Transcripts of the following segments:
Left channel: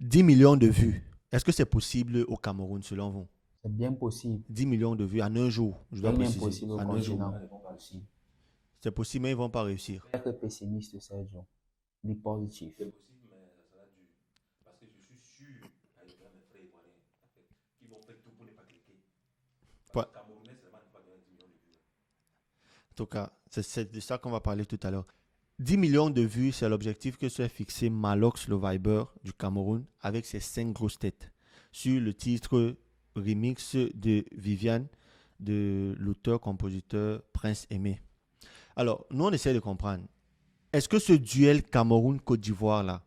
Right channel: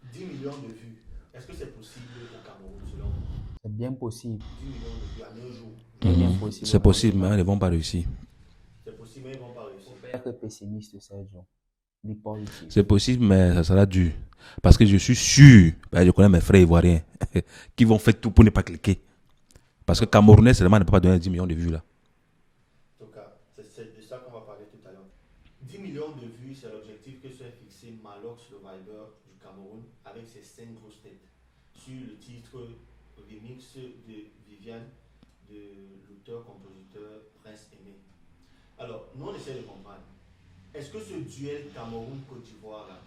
10 millions de vues. Est-ce que c'est possible au Cameroun selon vous? C'est bien possible. 10 millions de vues en un jour. Je C'est dois bien préciser. possible. C'est possible, mais ils ne vont pas réussir. C'est possible, mais ils ne vont pas réussir. Être pessimiste, Sergio. Dis positif. C'est possible, mais ça sera dur. Parce que je suis sûr, je connais mes frères ivoiriens, qui vont faire tout pour ne pas cliquer. Parce que Camerounais, seulement ne peut pas donner 10 millions de vues là. En tout cas, c'est de ça qu'on va parler tout à l'heure. 10 millions de vues, c'est l'objectif que s'est fixé Malox le Viber du Cameroun avec ses 5 grosses têtes sur le titre remix de Viviane de l'auteur-compositeur Prince Aimé. Alors, nous on essaie de comprendre. Est-ce que ce duel Cameroun-Côte d'Ivoire là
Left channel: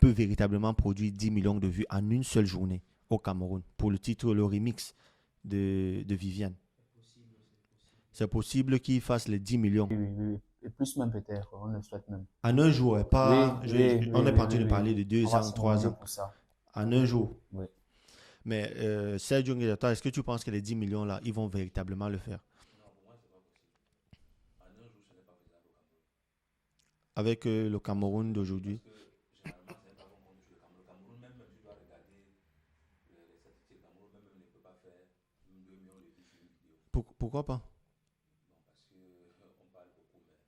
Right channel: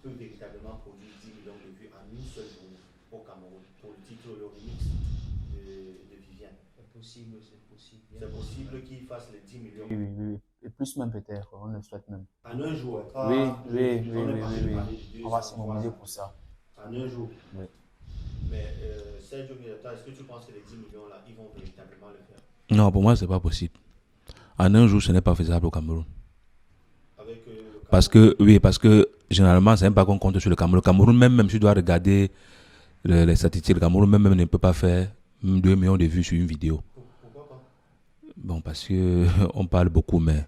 peut véritablement produire 10 millions de vues en une seule journée au Cameroun pour le titre, le remix de Viviane? C'est possible qu'il fasse les 10 millions. Oui. Et plus même peut-être, on le souhaite même. En un jour, pas. On est parti de parler de 2 ans, 3 ans. Pour ça. En un jour. Oui. Mais Sergio Ngueta, est-ce que tu penses que les 10 millions là, ils vont véritablement le faire? Non, pour moi, ce n'est pas possible. En un jour, ce n'est pas faisable au Cameroun. Avec le Cameroun. Parce que généralement, c'est même pas qu'on compte sur le Cameroun. Le Cameroun, même si tu dois regarder les statistiques, le Cameroun même ne peut pas faire 2 millions de vues sur une vidéo. Pourquoi pas? Bon, parce qu'on parle beaucoup, mais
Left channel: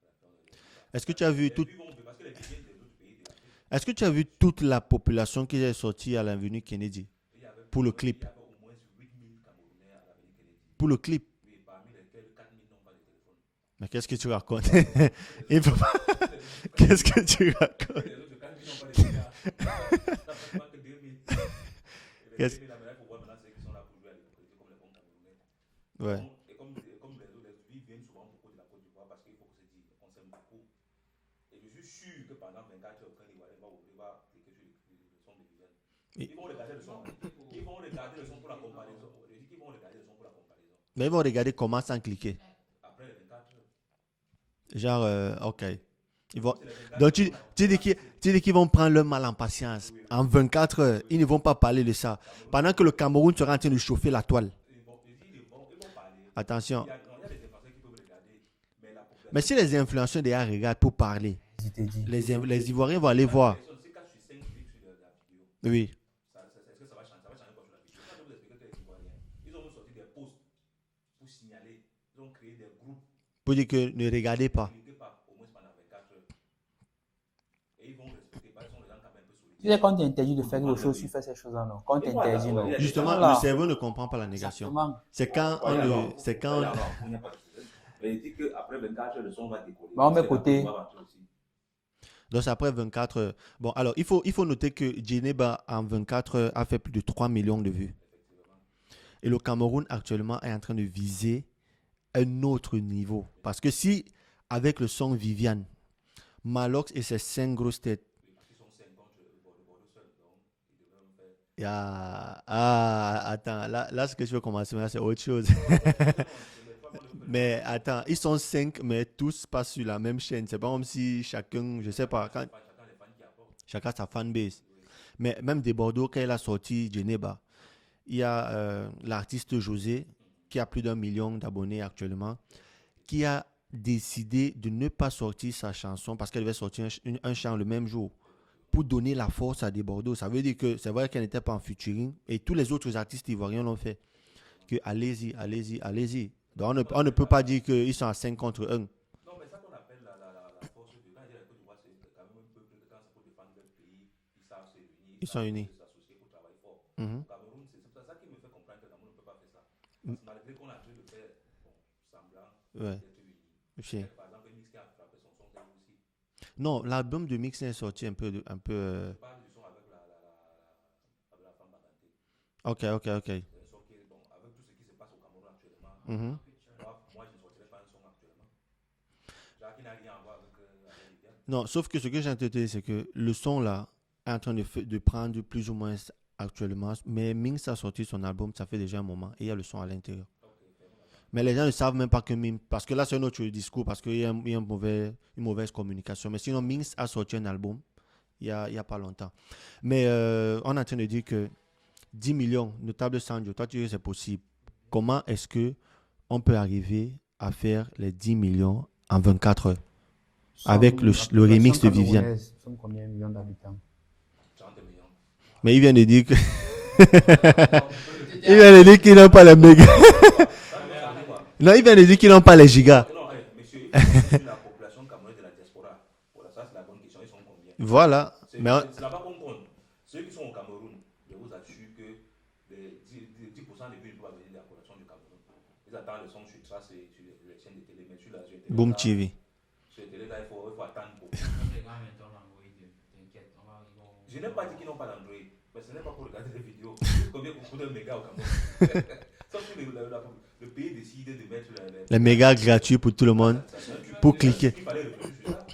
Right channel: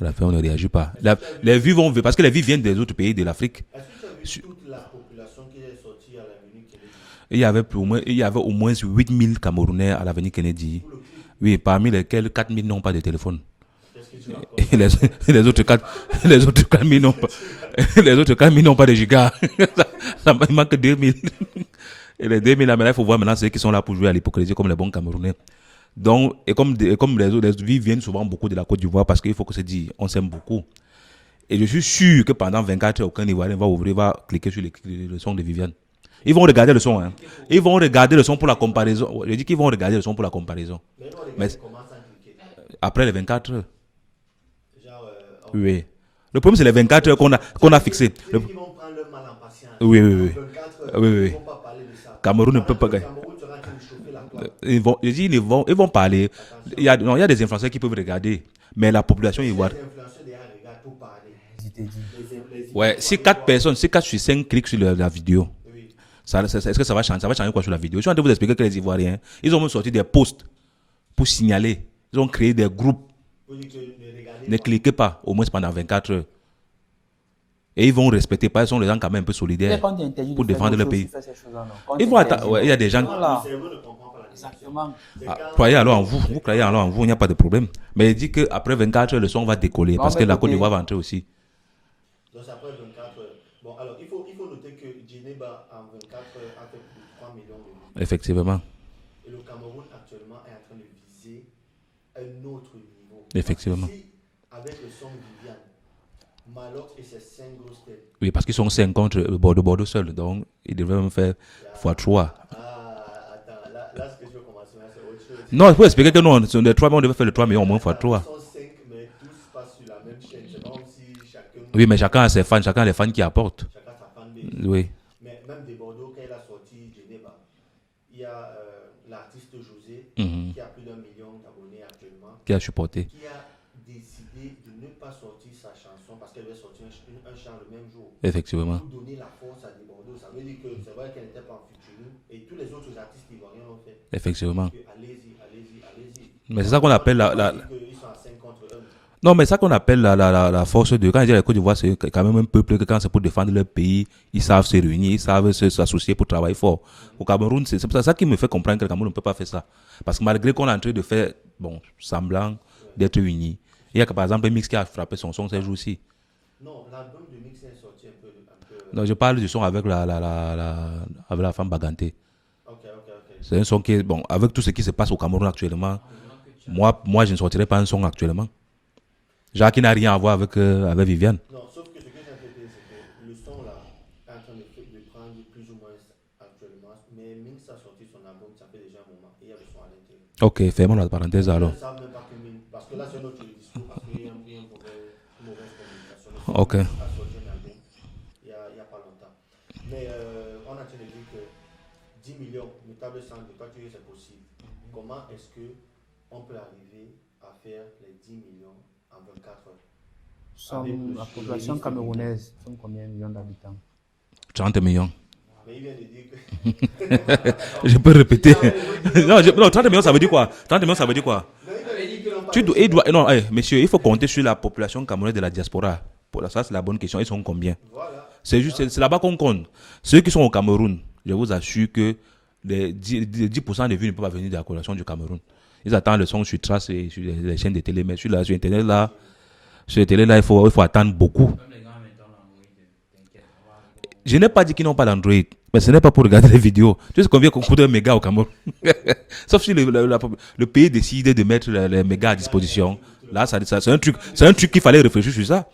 à la fin, on ne réagit pas. Les vues vont, parce que les vues viennent des autres pays de l'Afrique. Est-ce que tu as vu toute la population qui est sortie à l'avenue Kennedy? Il y avait au moins 8000 Camerounais à l'avenue Kennedy. Pour le clip? Oui, parmi lesquels 4000 n'ont pas de téléphone. Mais qu'est-ce que tu racontes? Les autres 4000 n'ont pas, les autres 4000 n'ont pas de gigas. Ça manque 2000. Et les 2000 là, maintenant, il faut voir maintenant ceux qui sont là pour jouer à l'hypocrisie comme les bons Camerounais. Donc, et comme les vies viennent souvent beaucoup de la Côte d'Ivoire parce qu'il faut que se dise, on s'aime beaucoup. Et je suis sûr que pendant 24 heures, aucun Ivoirien va cliquer sur le son de Viviane. Ils vont regarder le son. Hein. Ils vont regarder le son pour la comparaison. Je dis qu'ils vont regarder le son pour la comparaison. Mais ils vont regarder comment sans cliquer. Après les 24 heures. Genre, ok. Oui. Le problème, c'est les 24 heures qu'on a fixé. Tu dis qu'ils vont prendre leur mal en patience. Oui. En 24 heures, ils ne vont pas parler de ça. Cameroun Pendant que le Cameroun sera en train de chauffer la toile. Ils vont parler. Attention. Il y a des influenceurs qui peuvent regarder. Mais la population mais si les influenceurs déjà regardent pour parler, les Ivoiriens vont si aller 4 voir. personnes, si 4 sur 5 cliquent sur la vidéo, oui. Est-ce que ça va changer? Ça va changer quoi sur la vidéo? Je suis en train de vous expliquer que les Ivoiriens, ils ont même sorti des posts pour signaler. Ils ont créé des groupes. Pour dire que ne regardez pas. Ne cliquez pas, au moins pendant 24 heures. Et ils vont respecter, parce qu'ils sont les gens quand même un peu solidaires pour défendre le pays. Il y a des gens. Le cerveau ne comprend pas la négation. Croyez alors en vous, il n'y a pas de problème. Mais il dit qu'après 24 heures, le son va décoller parce que la Côte d'Ivoire va entrer aussi. Donc après 24 heures. Bon, alors il faut noter que Djeneba en 24 heures a fait plus de 3 millions de vues. Effectivement. Et le Cameroun actuellement est en train de viser un autre niveau. Effectivement. Parce que si, avec le son Viviane, Malox et ses 5 grosses têtes. Oui, parce qu'ils sont 5 contre Bordeaux seul. Donc, ils devraient même faire x3. Attends, là, ce que je veux commencer, c'est autre chose. Non, il faut expliquer que non, sur les 3 millions, on devait faire le 3 millions au moins x3. Ils sont 5, mais tous passent sur la même chaîne. C'est pas comme si chacun. Oui, mais chacun a ses fans, chacun a les fans qui apportent. Chacun a sa fanbase. Oui. Mais même de Bordeaux, quand elle a sorti Djeneba, il y a l'artiste José, qui a plus d'1 million d'abonnés actuellement. Qui a supporté. Qui a décidé de ne pas sortir sa chanson parce qu'elle devait sortir un chant le même jour. Effectivement. Pour donner la force à des Bordeaux. Ça veut dire que c'est vrai qu'elle n'était pas en featuring et tous les autres artistes ivoiriens l'ont fait. Effectivement. Que allez-y. Mais c'est ça qu'on appelle on ne peut pas dire qu'ils sont à 5 contre 1. Non, mais c'est ça qu'on appelle la force de... Quand je dis la Côte d'Ivoire, c'est quand même un peuple que quand c'est pour défendre leur pays, ils savent se réunir, ils savent s'associer pour travailler fort. Au Cameroun, c'est ça qui me fait comprendre que le Cameroun ne peut pas faire ça. Parce que malgré qu'on est en train de faire semblant d'être unis, il y a par exemple un mix qui a frappé son son ces jours-ci. Non, l'album de mix est sorti un peu. Non, je parle du son avec avec la femme Baganté. Ok. C'est un son qui est... Bon, avec tout ce qui se passe au Cameroun actuellement, moi, je ne sortirai pas un son actuellement. Jacques qui n'a rien à voir avec Viviane. Non, sauf que ce que j'ai entendu, c'est que le son là est en train de prendre plus ou moins actuellement. Mais Minx a sorti son album, ça fait déjà un moment. Et il y a le son à l'intérieur. Ok, fais-moi la parenthèse. Les gens ne savent même pas que Minx. Parce que là, c'est un autre discours. Parce qu'il y a une mauvaise communication. Mais si Minx a sorti un album, il n'y a pas longtemps. Mais on est en train de dire que 10 millions, notable Sandro, toi tu dis que c'est possible. Comment est-ce qu'on peut arriver à faire les 10 millions en 24 heures avec le remix de Viviane? Sont combien de millions d'habitants? 30 millions. Mais il vient de dire que... Je peux répéter. Il vient de dire qu'ils n'ont pas les non, mégas. 30 millions, ça veut dire quoi? 30 millions, ça veut dire quoi? Non, il vient de dire qu'ils n'ont pas les gigas. Non, monsieur, il faut compter sur la population camerounaise de la diaspora. Pour ça, c'est la bonne question. Ils sont combien? Voilà. C'est là-bas qu'on compte. Ceux qui sont au Cameroun, je vous assure que les 10% des vues ne peuvent pas venir de la population du Cameroun. Ils attendent le son sur Trace et sur les chaînes de télé, mais sur Internet, Boom là, TV. sur Télé, là, il faut attendre beaucoup. Je n'ai pas dit qu'ils n'ont pas d'Android, mais ce n'est pas pour regarder les vidéos. Tu sais combien coûte un méga au Cameroun? Sauf si le pays décide de mettre les mégas à mégas disposition. gratuits pour tout le Là, monde. c'est un truc qu'il fallait réfléchir sur ça.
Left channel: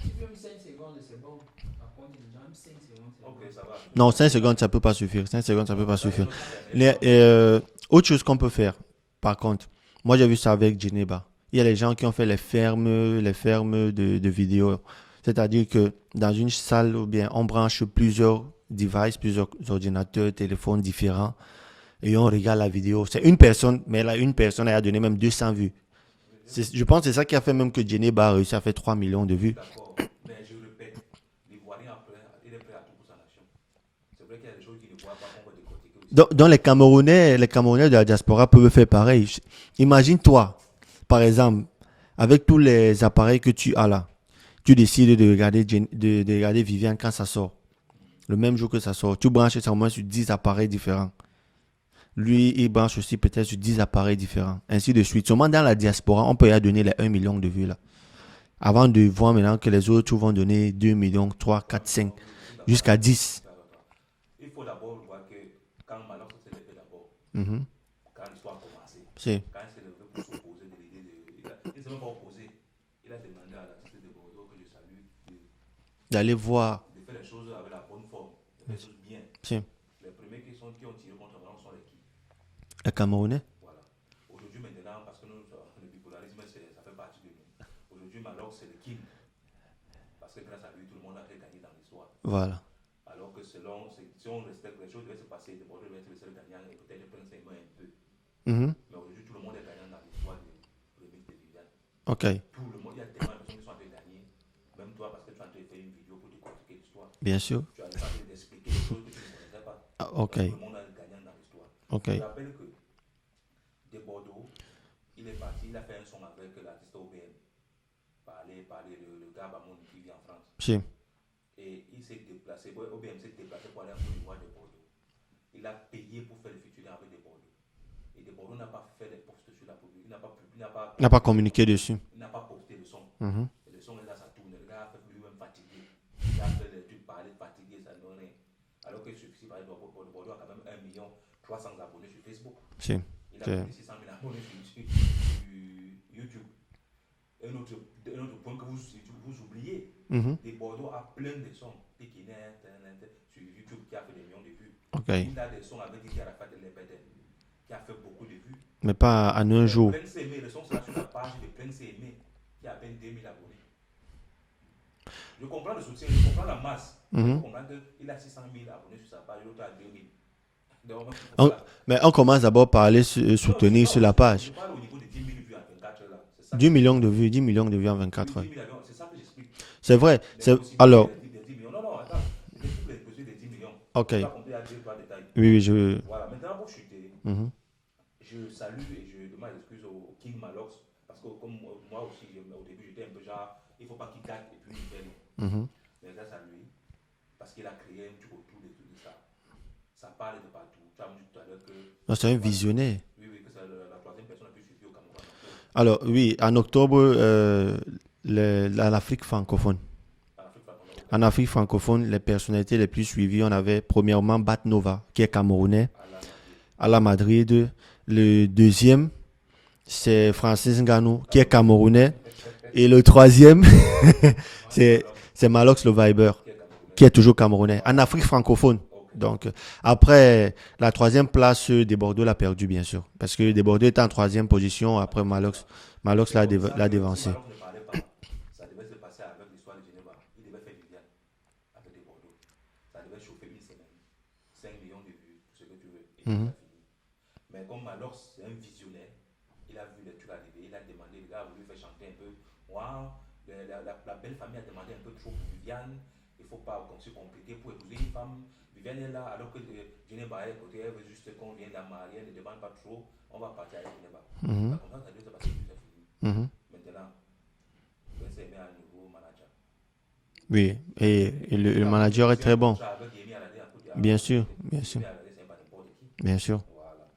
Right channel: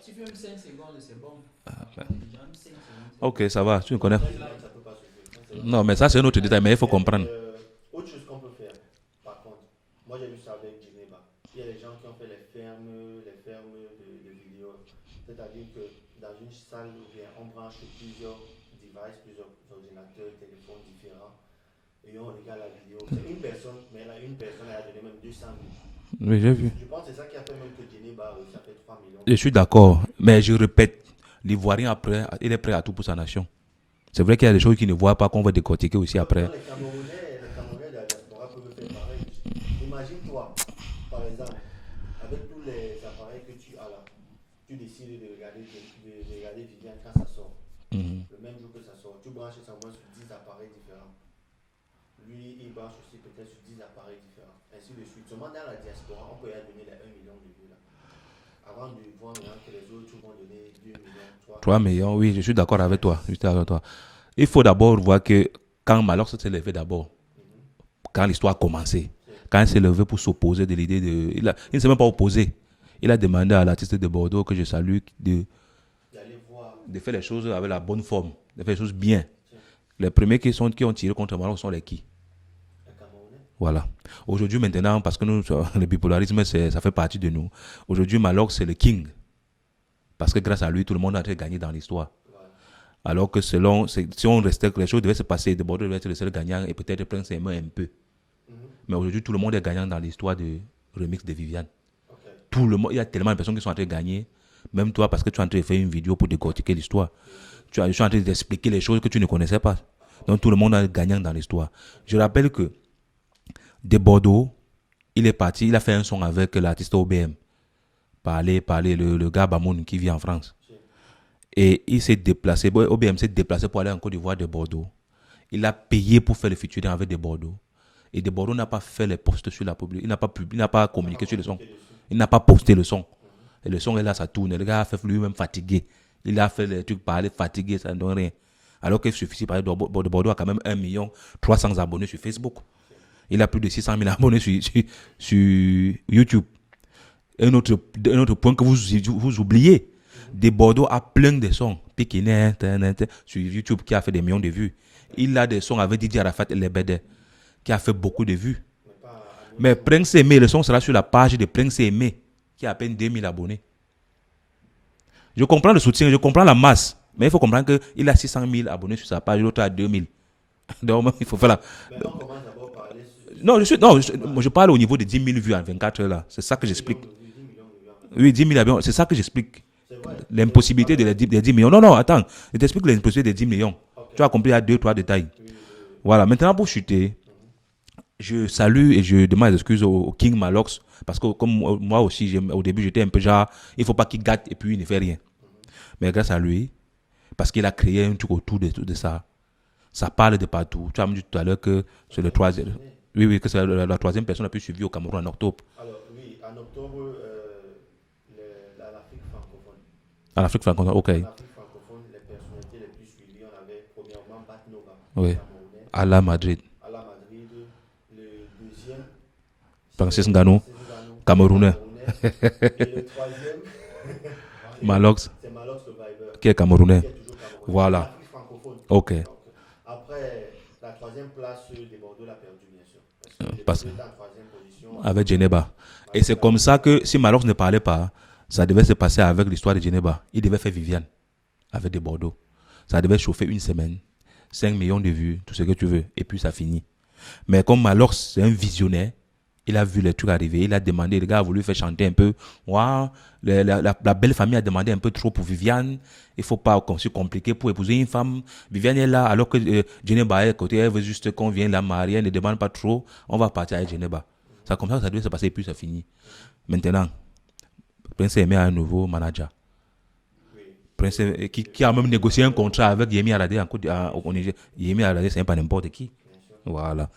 Ok, ça va. Non, 5 secondes, ça ne peut pas suffire. 5 secondes, Non, peut mais pas ça, c'est un suffire. autre détail, mais il faut comprendre. Autre chose qu'on peut faire, par contre, moi j'ai vu ça avec Geneva. Il y a les gens qui ont fait les fermes de vidéos. C'est-à-dire que dans une salle, ou bien on branche plusieurs devices, plusieurs ordinateurs, téléphones différents, et on regarde la vidéo. C'est une personne, mais là, une personne elle a donné même 200 vues. Oui, j'ai vu. Je pense que c'est ça qui a fait même que Geneva a réussi à faire 3 millions de Je vues. suis d'accord, mais je répète, l'Ivoirien après, il est prêt à tout pour sa nation. C'est vrai qu'il y a des choses qu'il ne voit pas qu'on va décortiquer aussi après. Donc les Camerounais de la diaspora peuvent faire pareil. Imagine-toi, par exemple, avec tous les appareils que tu as là, tu décides de regarder Viviane quand ça sort. Le même jour que ça sort. Tu branches ça au moins sur 10 appareils différents. Lui, il branche aussi peut-être sur 10 appareils différents. Ainsi de suite. Seulement dans la diaspora, on peut y donner les 1 million de vues là. Avant de voir maintenant que les autres vont donner 2 millions, 3 3 4, 5. millions, oui, je suis d'accord Jusqu'à avec toi. 10. Je suis d'accord avec toi. Il faut d'abord voir que quand Malox s'est levé d'abord, quand l'histoire a commencé, Si. quand il s'est levé pour s'opposer de l'idée de... Il ne s'est même pas opposé. Il a demandé à l'artiste de Bordeaux, que je salue, de D'aller voir. faire les choses avec la bonne forme, de faire les choses bien. Si. Les premiers qui ont tiré contre Malox sont les qui? Les Camerounais. Voilà. Aujourd'hui, maintenant, parce que nous, le bipolarisme, ça fait partie de nous. Aujourd'hui, Malox, c'est le king. Parce que grâce à lui, tout le monde a été gagné dans l'histoire. Voilà. Alors que si on restait, les choses devaient se passer, de Bordeaux devait être le seul gagnant et peut-être prendre ses mains un peu. Mais aujourd'hui, tout le monde est gagnant dans l'histoire de remix de Viviane. Ok. Tout le monde, il y a tellement de personnes qui sont en train de gagner. Même toi, parce que tu es en train de faire une vidéo pour décortiquer l'histoire. Bien sûr. Tu es en train d'expliquer les choses que tu ne connaissais pas. Ah, ok. Donc tout le monde est gagnant dans l'histoire. Ok. Je rappelle que de Bordeaux, il est parti, il a fait un son avec l'artiste OBM. Parler, le gars Bamoun qui vit en France. Si. Et il s'est déplacé, OBM s'est déplacé pour aller en Côte d'Ivoire de Bordeaux. Il a payé pour faire le featuring avec de Bordeaux. Et de Bordeaux n'a pas fait les posts sur la public. Il n'a pas communiqué, dessus. Il n'a pas posté le son. Et le son est là, ça tourne. Le gars a fait lui-même fatigué. Il a fait les trucs parler fatigué, ça ne donne rien. Alors qu'il suffit, par exemple, de Bordeaux a quand même 1 300 000 abonnés sur Facebook. Si. Il a plus de 600 000 abonnés sur YouTube. Un autre point que vous oubliez, de Bordeaux a plein de sons. Pékinais, sur YouTube qui a fait des millions de vues. Okay. Il a des sons avec Didier Arafat et les BD qui a fait beaucoup de vues. Mais pas en un Mais jour. Prince Aimé, le son sera sur la page de Prince Aimé qui a à peine 2000 abonnés. Je comprends le soutien, je comprends la masse. Mais il faut comprendre qu'il a 600 000 abonnés sur sa page, l'autre a 2000. Donc, il faut faire la... Mais on commence d'abord par aller sur la page. Je parle au niveau de 10 000 vues en 24 heures là. C'est ça que 10 millions de vues, 10 millions de vues en 24 Oui, 10 000 abonnés. C'est ça que j'explique. C'est vrai. L'impossibilité des 10 millions. Non, attends. Je t'explique l'impossibilité des 10 millions. Okay. Tu as compris, il y a 2-3 détails. Oui, Voilà, maintenant pour chuter, je salue et je demande des excuses au King Malox. Parce que comme moi aussi, au début, j'étais un peu genre, il ne faut pas qu'il gâte et puis il ne fait rien. Mais grâce à lui, parce qu'il a créé un truc autour de ça, ça parle de partout. Tu as dit tout à l'heure que c'est le troisième. Oui, que c'est la troisième personne la plus suivie au Cameroun en octobre. Alors, oui, en octobre, l'Afrique francophone. En Afrique francophone, ok. En Afrique francophone, les personnalités les plus suivies, on avait premièrement Bat Nova, qui est camerounais. À la Madrid. Le deuxième, c'est Francis Ngannou, qui est Camerounais. Et le troisième, c'est Malox le Viber, qui est camerounais. Qui est toujours camerounais. Voilà. En Afrique francophone. Ok. Donc, après, la troisième place, de Bordeaux l'a perdu, bien sûr. Parce que de Bordeaux était en troisième position. Avec Geneva. Et c'est comme ça que si Malox ne parlait pas, ça devait se passer avec l'histoire de Geneva. Il devait faire Viviane avec de Bordeaux. Ça devait chauffer une semaine, 5 millions de vues, tout ce que tu veux. Et puis ça finit. Mais comme Malox, c'est un visionnaire, Il a vu les trucs arriver, il a demandé, le gars a voulu faire chanter un peu. Waouh, la belle famille a demandé un peu trop pour Viviane. Il ne faut pas qu'on soit compliqué pour épouser une femme. Viviane est là, alors que Geneba est à côté, elle veut juste qu'on vienne la marier, elle ne demande pas trop. On va partir avec Geneba. C'est comme ça que ça doit se passer, puis ça finit. Maintenant, Prince Aimé a un nouveau manager. Oui. Qui a même négocié un contrat avec Yemi Alade en Côte Bien sûr. Yemi Alade, c'est pas n'importe qui. Bien sûr. Voilà.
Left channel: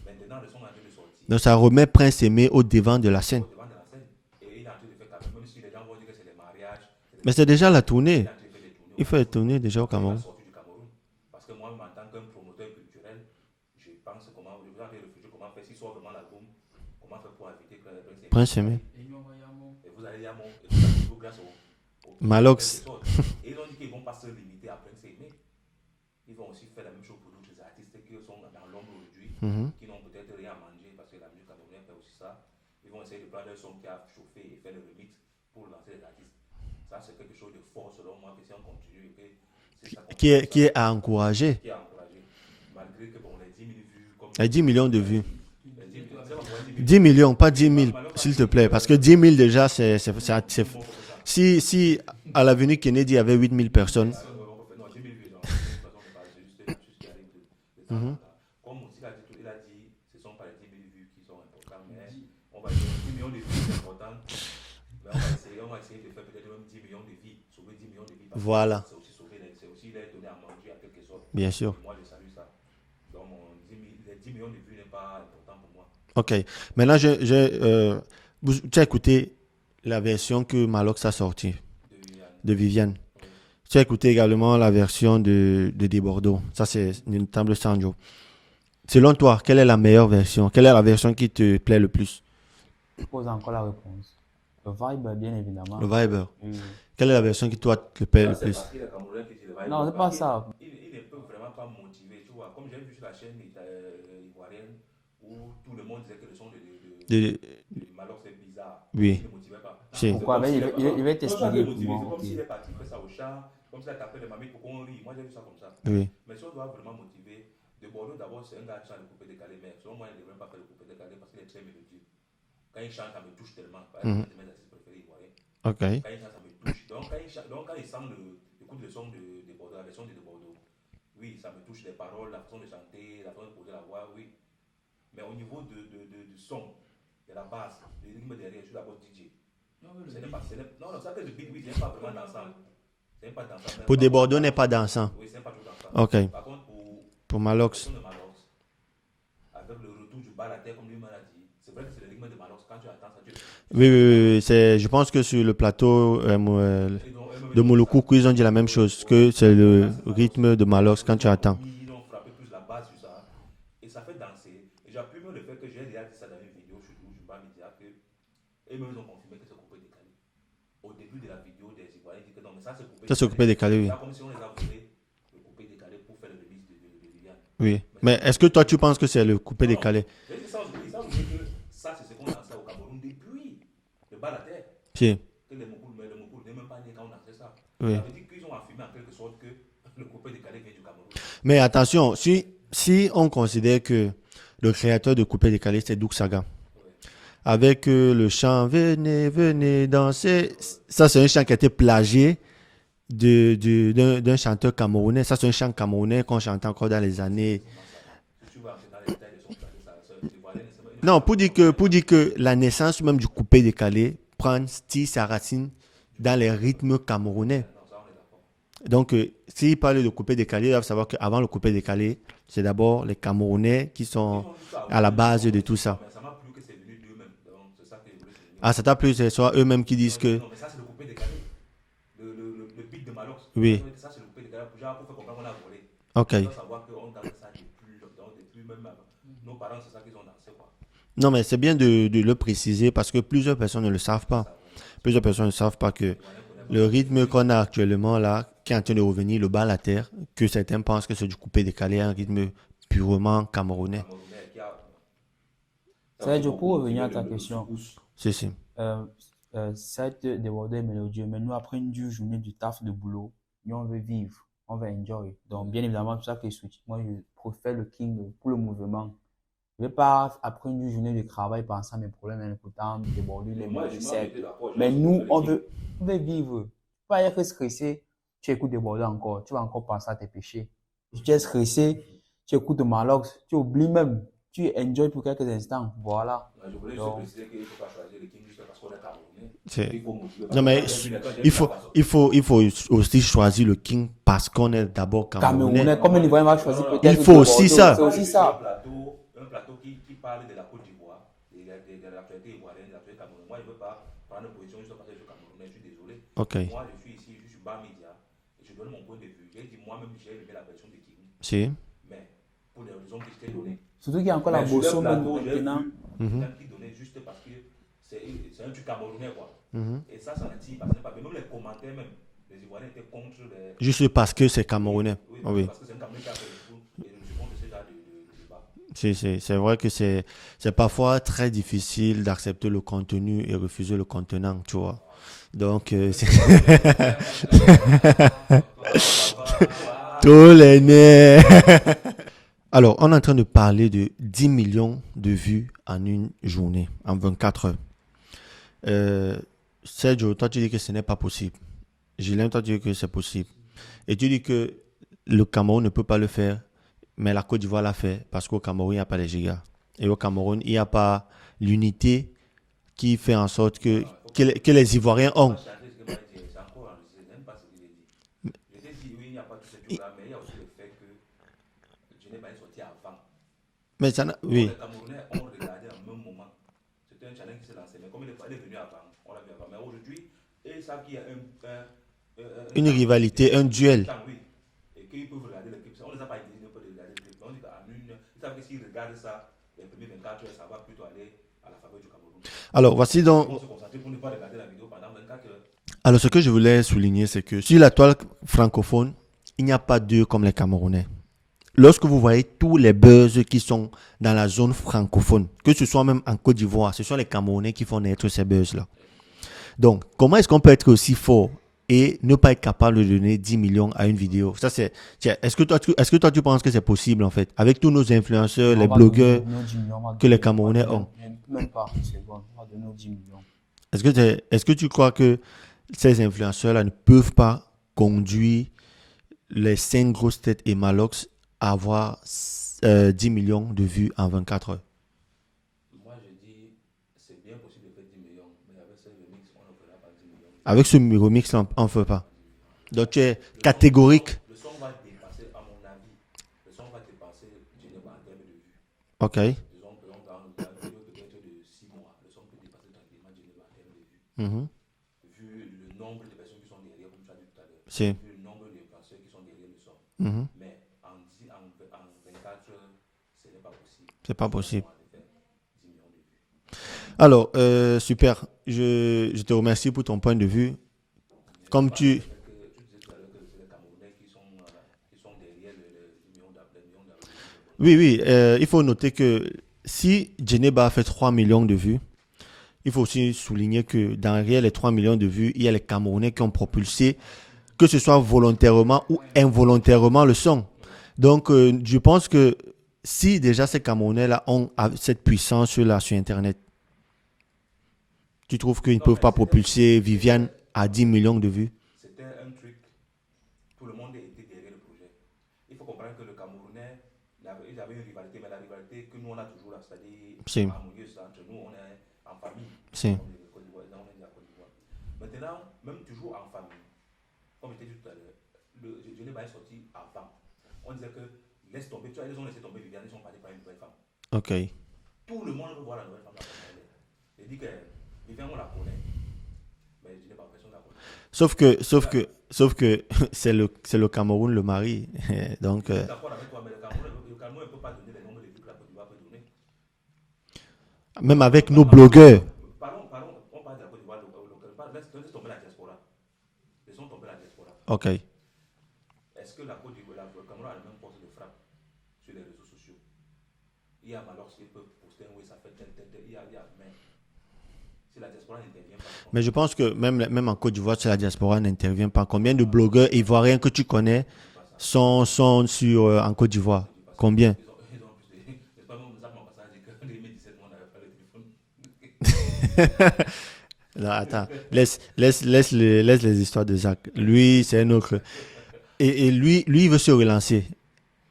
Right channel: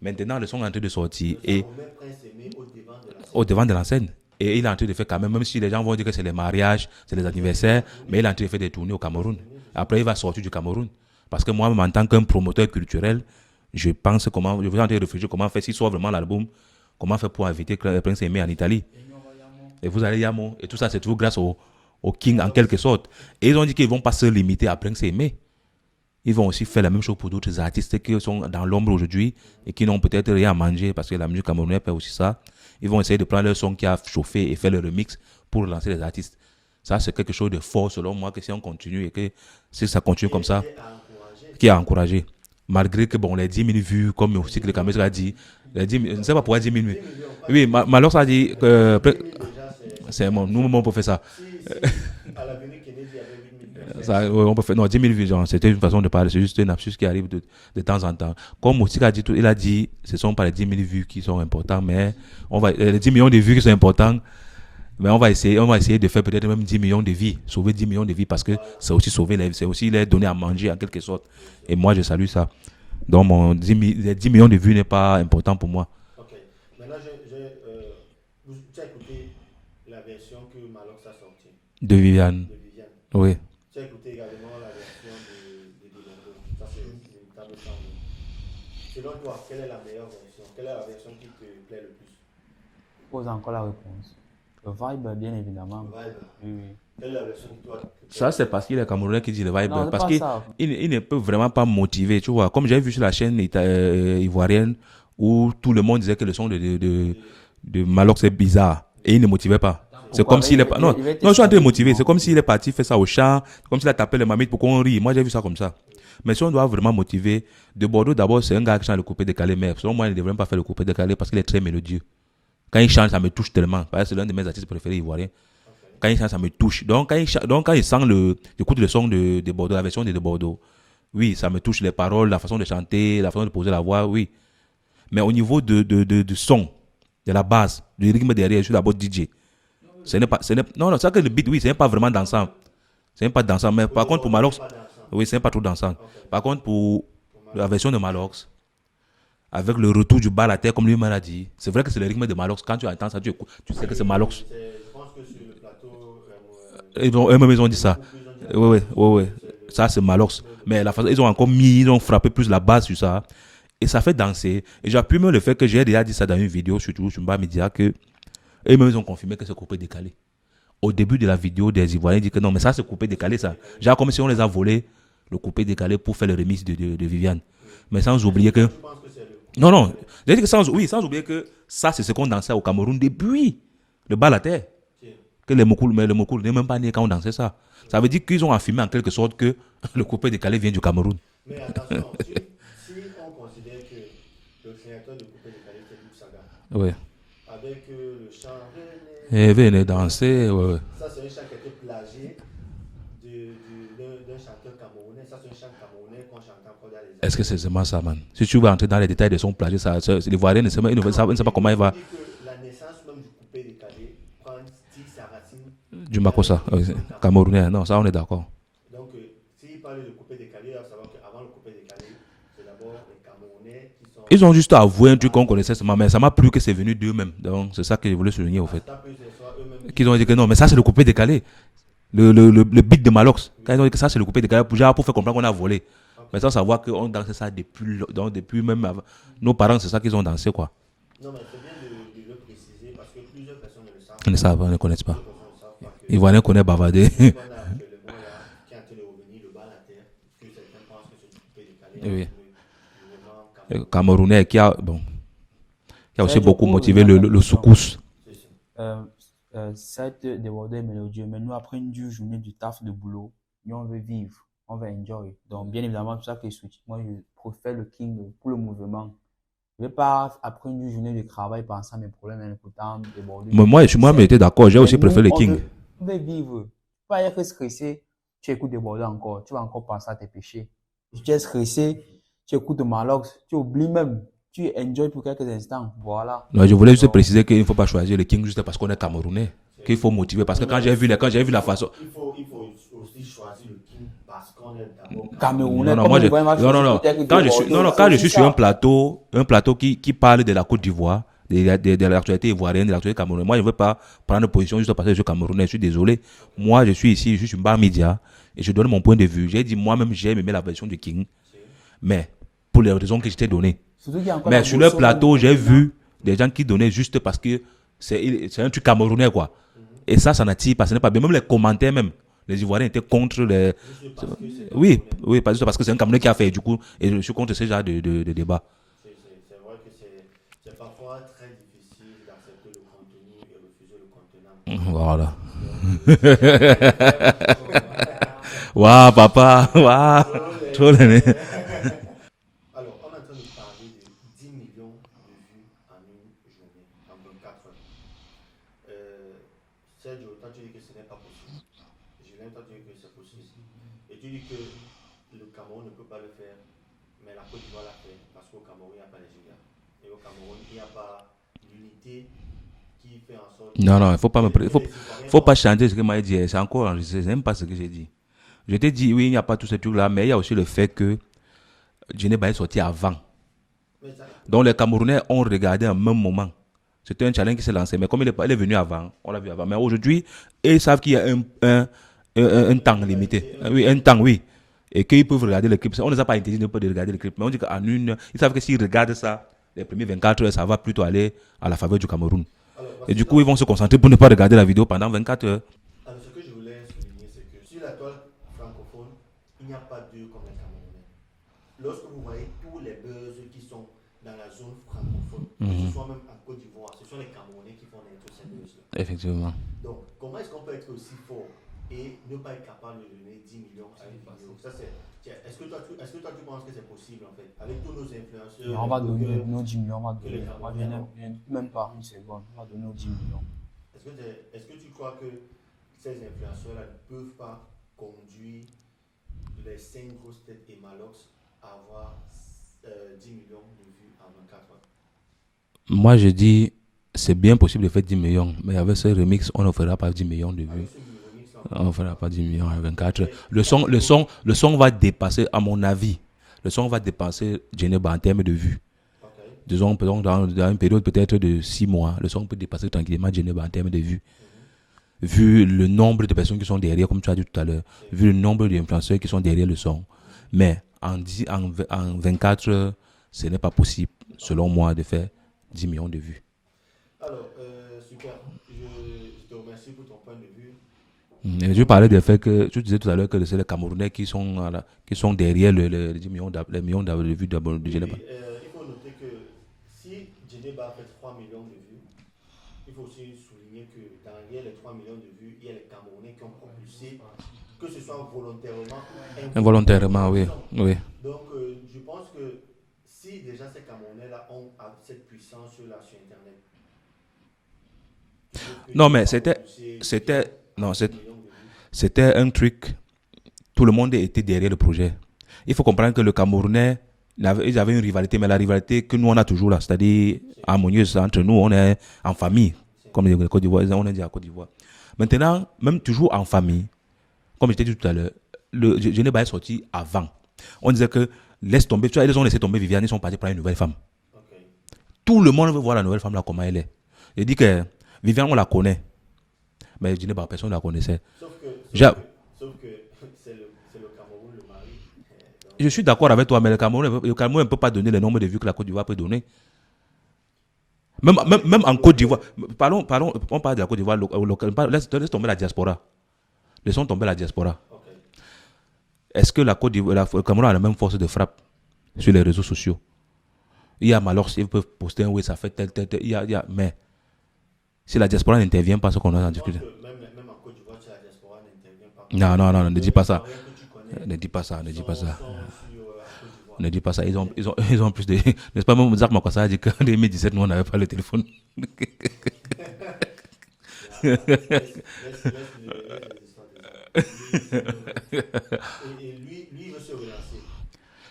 Maintenant, ils sont en train de sortir. Donc, ça remet Prince Aimé au devant de la scène. Au devant de la scène. Et il est en train de faire quand même si les gens vont dire que c'est les mariages, c'est les anniversaires. Mais c'est déjà la tournée. Il est en train de faire des tournées au Cameroun. Après, il va sortir du Cameroun. Parce que moi-même, en tant qu'un promoteur culturel, je vais en train de réfléchir comment faire, s'il sort vraiment l'album, comment faire pour inviter Prince Aimé en Italie. Et vous allez Yamo. Et tout ça, c'est tout grâce au King en quelque sorte. Et ils ont dit qu'ils ne vont pas se limiter à Prince Aimé. Ils vont aussi faire la même chose pour d'autres artistes qui sont dans l'ombre aujourd'hui et qui n'ont peut-être rien à manger parce que la musique camerounaise fait aussi ça. Ils vont essayer de prendre leur son qui a chauffé et faire le remix pour lancer les artistes. Ça, c'est quelque chose de fort selon moi que si on continue et que si ça continue comme ça. Qui est à encourager. Qui est à encourager. Malgré que bon, les 10 000 vues, comme les 10 millions a dit, je ne sais pas pourquoi 10 000 vues. 10 millions, pas 10 000. Oui, Malox a dit. Parce que 10 000 déjà, c'est bon, on peut faire ça. Si à l'avenue Kennedy, il y avait 8 000 personnes. Ça, on peut faire, non, 10 000 vues, c'était une façon de parler. C'est juste un absus qui arrive de temps en temps. Comme Moussika a dit, il a dit ce ne sont pas les 10 000 vues qui sont importantes, mais les 10 millions de vues qui sont importantes. Mais on va essayer de faire peut-être même 10 millions de vies, sauver 10 millions de vies parce que c'est aussi sauver les vies, c'est aussi les donner à manger en quelque sorte. Bien sûr. Et moi, je salue ça. Donc, les 10 millions de vues n'est pas important pour moi. Ok. Maintenant, tu as écouté la version que Malox a sortie. De Viviane. Oui. Tu as écouté également la version de Bordeaux. Ça, c'est une table Sanjo. Selon toi, quelle est la meilleure version? Quelle est la version qui te plaît le plus? Je pose encore la réponse. Le vibe, bien évidemment. Le vibe. Oui. Quelle est la version qui toi te plaît? Ça, c'est parce qu'il est Camerounais qui dit le vibe. Non, parce qu'il ne peut vraiment pas motiver. Tu vois, comme j'ai vu sur la chaîne ivoirienne où tout le monde disait que le son de Malox est bizarre. Oui. Et il ne motivait pas. C'est comme s'il est pas. Non, je suis en train de motiver. C'est comme s'il est parti faire ça au chant, comme s'il a tapé les mamites pour qu'on rie. Moi, j'ai vu ça comme ça. Oui. Mais si on doit vraiment motiver, de Bordeaux, d'abord, c'est un gars qui chante le coupé décalé. Mais selon moi, il ne devrait pas faire le coupé décalé parce qu'il est très mélodieux. Quand il chante, ça me touche tellement. C'est l'un de mes artistes préférés ivoiriens. Okay. Quand il chante, ça me touche. Donc, quand il sent j'écoute le son de Bordeaux, la version de Bordeaux, oui, ça me touche les paroles, la façon de chanter, la façon de poser la voix, oui. Mais au niveau du son, de la base, du rythme derrière, je suis d'abord DJ. Non, c'est que le beat, oui, ce n'est pas vraiment dansant. Ce n'est pas dansant. Mais pour par contre, pour Malox, pas dansant. Oui, ce n'est pas trop dansant. Okay. Par contre, pour la version de Malox, avec le retour du bas à la terre, comme lui-même l'a dit. C'est vrai que c'est le rythme de Malox. Quand tu entends ça, tu sais que c'est Malox. Je pense que sur le plateau, ils ont dit ça. Ils ont dit la même chose. Que c'est ça, c'est Malox. De Malox ils ont frappé plus la base sur ça. Et ça fait danser. Et j'appuie même le fait que j'ai déjà dit ça dans une vidéo, surtout sur Mba Media, que eux-mêmes ils ont confirmé que c'est coupé décalé. Au début de la vidéo, des Ivoiriens disent que non, mais ça c'est coupé décalé. Genre comme si on les a volés. Le coupé décalé pour faire le remix de Viviane. Oui. Mais est-ce que toi, tu penses que c'est le coupé décalé? Non. J'ai dit que sans oublier que ça, c'est ce qu'on dansait au Cameroun depuis le bas à la terre. Si. Que les Mokoul n'est même pas né quand on dansait ça. Oui. Ça veut dire qu'ils ont affirmé en quelque sorte que le coupé décalé vient du Cameroun. Mais attention, si on considère que le créateur de coupé décalé, c'est Douk Saga. Oui. Avec le chant Venez danser. Ouais. Ça, c'est un chant qui a été plagié d'un chanteur camerounais. Ça, c'est un chant camerounais qu'on chante encore dans les années. Est-ce que c'est vraiment ça, man? Si tu vas entrer dans les détails de son plagier, les Ivoiriens ne savent pas comment il va. Pour dire que la naissance même du coupé décalé prend sa racine dans les rythmes camerounais. Non, ça, on est d'accord. Donc, s'il parle de coupé décalé, il faut savoir qu'avant le coupé décalé, c'est d'abord les Camerounais qui sont. Ils ont juste avoué un truc qu'on connaissait, mais ça m'a plu que c'est venu d'eux-mêmes. Donc, c'est ça que je voulais souligner. Ça t'a plu, c'est soit eux-mêmes qui disent ont dit que non, mais ça, c'est le coupé décalé. Le beat de Malox. Oui. Ils ont dit que ça, c'est le coupé décalé pour faire comprendre qu'on a volé. Okay. Sans savoir qu'on dansait ça depuis même avant. Nos parents, c'est ça qu'ils ont dansé, quoi. Non, mais c'est bien de le préciser parce que plusieurs personnes ne le savent pas. Ne connaissent pas. Plusieurs personnes ne savent pas que Ivoiriens connaissent Bavardé. Le rythme qu'on a actuellement là, qui est en train de revenir, le bas à la terre, que certains pensent que c'est du coupé décalé, un rythme purement camerounais. Camerounais qui a aussi beaucoup motivé le soukous. Si. Cette débordée est mélodieux, mais nous, après une dure journée du taf de boulot, nous, on veut vivre, on veut enjoy. Donc, bien évidemment, tout ça qui est soutenu. Moi, je préfère le King pour le mouvement. Je ne vais pas, après une journée de travail, penser à mes problèmes, et pourtant déborder. Mais moi, j'étais d'accord. J'ai aussi préféré le King. On veut vivre. Tu vas être stressé, tu écoutes déborder encore. Tu vas encore penser à tes péchés. Si tu es stressé, tu écoutes Malox, tu oublies même. Tu enjoy pour quelques instants. Voilà. Non, je voulais juste préciser qu'il ne faut pas choisir le King juste parce qu'on est Camerounais. Qu'il faut motiver. Parce que quand j'ai vu la façon. Il faut aussi choisir le King parce qu'on est d'abord Camerounais. Non, il faut aussi ça. Quand je suis sur un plateau qui parle de la Côte d'Ivoire, de l'actualité ivoirienne, de l'actualité camerounaise, moi je ne veux pas prendre position juste parce que je suis Camerounais. Je suis désolé. Okay. Moi, je suis ici, je suis sur Bar Media et je donne mon point de vue. J'ai dit moi-même, j'ai aimé la version du King. Mais pour les raisons que je t'ai données. Mais sur le plateau, j'ai vu des gens qui donnaient juste parce que c'est un truc camerounais, quoi. Et ça n'attire pas, ce n'est pas bien. Même les commentaires, même, les Ivoiriens étaient contre les... Juste parce que c'est camerounais. Oui, parce que c'est un Camerounais qui a fait, du coup, et je suis contre ce genre de débat. C'est vrai que c'est parfois très difficile d'accepter le contenu et refuser le contenant, tu vois. Voilà. Donc, waouh, papa, waouh. Tous les Alors, on est en train de parler de 10 millions de vues en une journée, en 24 heures. Sergio, toi, tu dis que ce n'est pas possible. Julien, toi, tu dis que c'est possible. Et tu dis que le Cameroun ne peut pas le faire, mais la Côte d'Ivoire l'a fait parce qu'au Cameroun, il n'y a pas les gigas. Et au Cameroun, il n'y a pas l'unité qui fait en sorte que, non, faut pas que les Ivoiriens... Il ne faut pas changer ce que moi j'ai dit. C'est encore enregistré. Je n'aime pas ce que j'ai dit. Je t'ai dit, oui, il n'y a pas tous ces trucs-là, mais il y a aussi le fait que Djeneba est sorti avant. Donc les Camerounais ont regardé en même moment. C'était un challenge qui s'est lancé. Mais comme il est venu avant, on l'a vu avant. Mais aujourd'hui, ils savent qu'il y a une temps, rivalité, un duel. Oui, un temps, oui. Et qu'ils peuvent regarder le clip. On ne les a pas interdit de regarder le clip. Mais on dit qu'en ils savent que s'ils regardent ça, les premiers 24 heures, ça va plutôt aller à la faveur du Cameroun. Alors, voici et du coup, ils vont se concentrer pour ne pas regarder la vidéo pendant 24 heures. Alors, ce que je voulais souligner, c'est que sur la toile francophone, il n'y a pas d'eux comme les Camerounais. Lorsque vous voyez tous les buzz qui sont dans la zone francophone, que ce soit même en Côte d'Ivoire, ce sont les Camerounais qui font naître ces buzz-là. Effectivement. Donc, comment est-ce qu'on peut être aussi fort et ne pas être capable de donner 10 millions à une vidéo? Ça, est-ce que toi, tu penses que c'est possible, en fait, avec tous nos influenceurs, les blogueurs que les Camerounais ont? Même pas une seconde, on va donner nos 10 millions. Est-ce que tu crois que ces influenceurs-là ne peuvent pas conduire les 5 grosses têtes et Malox à avoir 10 millions de vues en 24 heures? Moi, je dis, c'est bien possible de faire 10 millions, mais avec ce remix, on ne fera pas 10 millions de vues. Avec ce remix, on ne fera pas 10 millions en 24 Donc, heures. Le son va dépasser, à mon avis, le son va dépasser Djeneba en termes de vues. Ok. Disons, dans une période peut-être de 6 mois, le son peut dépasser tranquillement Djeneba en termes de vues. Vu le nombre de personnes qui sont derrière, comme tu as dit tout à l'heure, vu le nombre d'influenceurs qui sont derrière le son. Mais en 24 heures, ce n'est pas possible, selon moi, de faire 10 millions de vues. Alors, super. Je te remercie pour ton point de vue. Je parlais du fait que tu disais tout à l'heure que c'est les Camerounais qui sont derrière les 10 millions de vues d'abord. Oui, il faut noter que si Djeneba a fait 3 millions de vues, il faut aussi souligner que derrière les 3 millions de vues, il y a les Camerounais qui ont propulsé, que ce soit volontairement ou involontairement, le son. Oui. Donc, je pense que si déjà ces Camerounais-là ont cette puissance-là sur Internet, tu trouves qu'ils ne peuvent pas propulser Viviane à 10 millions de vues? C'était un truc, tout le monde était derrière le projet. Il faut comprendre que le Camerounais, ils avaient une rivalité, mais la rivalité que nous on a toujours là, c'est-à-dire harmonieuse entre nous, on est en famille, comme les Côte d'Ivoire, on est dit à Côte d'Ivoire. Maintenant, même toujours en famille, comme je t'ai dit tout à l'heure, le Djeneba est sorti avant. On disait que laisse tomber, tu vois, ils ont laissé tomber Viviane, ils sont partis prendre une nouvelle femme. Ok. Tout le monde veut voir la nouvelle femme là, comment elle est. Je dis que Viviane, on la connaît. Mais Djeneba, personne ne la connaissait. Sauf que c'est le Cameroun le mari. Donc, je suis d'accord avec toi, mais le Cameroun ne peut pas donner le nombre de vues que la Côte d'Ivoire peut donner. Même en Côte d'Ivoire. Parlons, on parle de la Côte d'Ivoire. Laisse tomber la diaspora. Laissons tomber la diaspora. Ok. Est-ce que le Cameroun a la même force de frappe sur les réseaux sociaux? Il y a Malox, ils peuvent poster un oui, ça fait tel. Mais Si la diaspora n'intervient pas, ce qu'on a. Mais je pense que même en Côte d'Ivoire, si la diaspora n'intervient pas, Non, combien non, de non, ne blogueurs dis pas ça. ivoiriens que tu connais Ne dis pas ça. sont en Côte d'Ivoire? Ne dis pas ça. Combien? Ils ont plus de. N'est-ce pas, même Zach Makwassa a dit qu'en 2017, nous, on n'avait pas le téléphone. Non, attends. Laisse les histoires de Zach. Lui, c'est un autre. Et lui, il veut se relancer.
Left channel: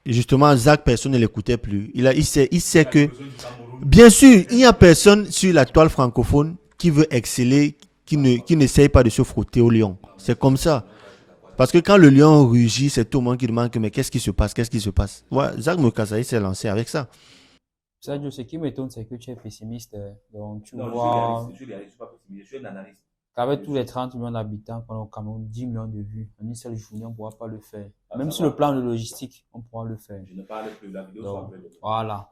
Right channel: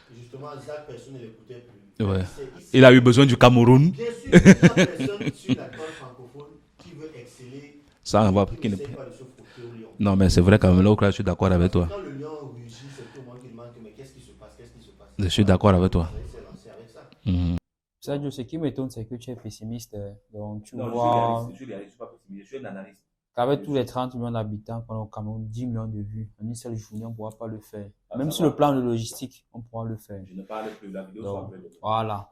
Et justement, Zach, personne ne l'écoutait plus. Il sait Il a que, eu besoin du Cameroun. bien sûr, il n'y a personne sur la toile francophone qui veut exceller, Ça, qui n'essaye pas de se frotter au lion. Non, mais c'est comme vrai ça. quand même, je suis d'accord avec Parce que toi. quand le lion rugit, c'est tout le monde qui demande que, mais qu'est-ce qui se passe? Qu'est-ce qui se passe? Je suis d'accord avec toi. Zach Makwassa s'est lancé avec ça. Mhm. Sadio, ce qui m'étonne, c'est que tu es pessimiste. Donc, tu vois, Je suis pas pessimiste, je suis un analyste. qu'avec tous les 30 millions d'habitants qu'on a au Cameroun, 10 millions de vues, en une seule journée, on ne pourra pas le faire. Même sur le plan de logistique, on pourra le faire. Je ne parle plus, la vidéo Donc, voilà.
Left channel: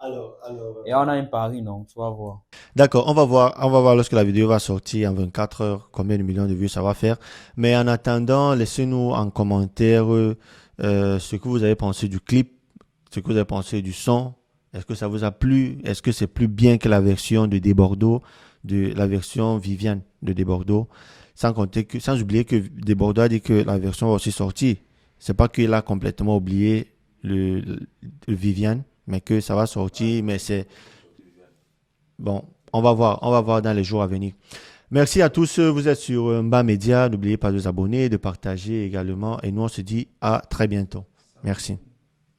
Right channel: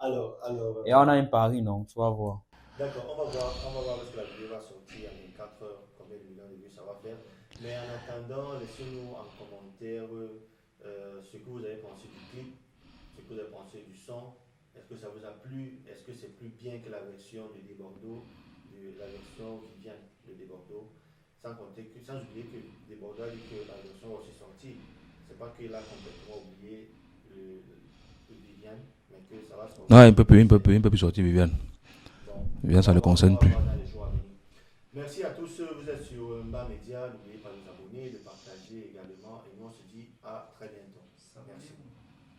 Et on a un pari, non? Tu vas voir. D'accord, on va voir lorsque la vidéo va sortir en 24 heures combien de millions de vues ça va faire. Mais en attendant, laissez-nous en commentaire ce que vous avez pensé du clip, ce que vous avez pensé du son. Est-ce que ça vous a plu? Est-ce que c'est plus bien que la version de Desbordeaux, de la version Viviane de Desbordeaux? Sans oublier que Desbordeaux a dit que la version va aussi sortir. C'est pas qu'il a complètement oublié le Viviane, mais que ça va sortir. Non, il peut mais plus sortir, Viviane. Bon, Viviane, on ça va ne voir, concerne on va plus. voir dans les jours à venir. Merci à tous. Vous êtes sur Mba Media. N'oubliez pas de vous abonner, de partager également. Et nous, on se dit à très bientôt. Merci.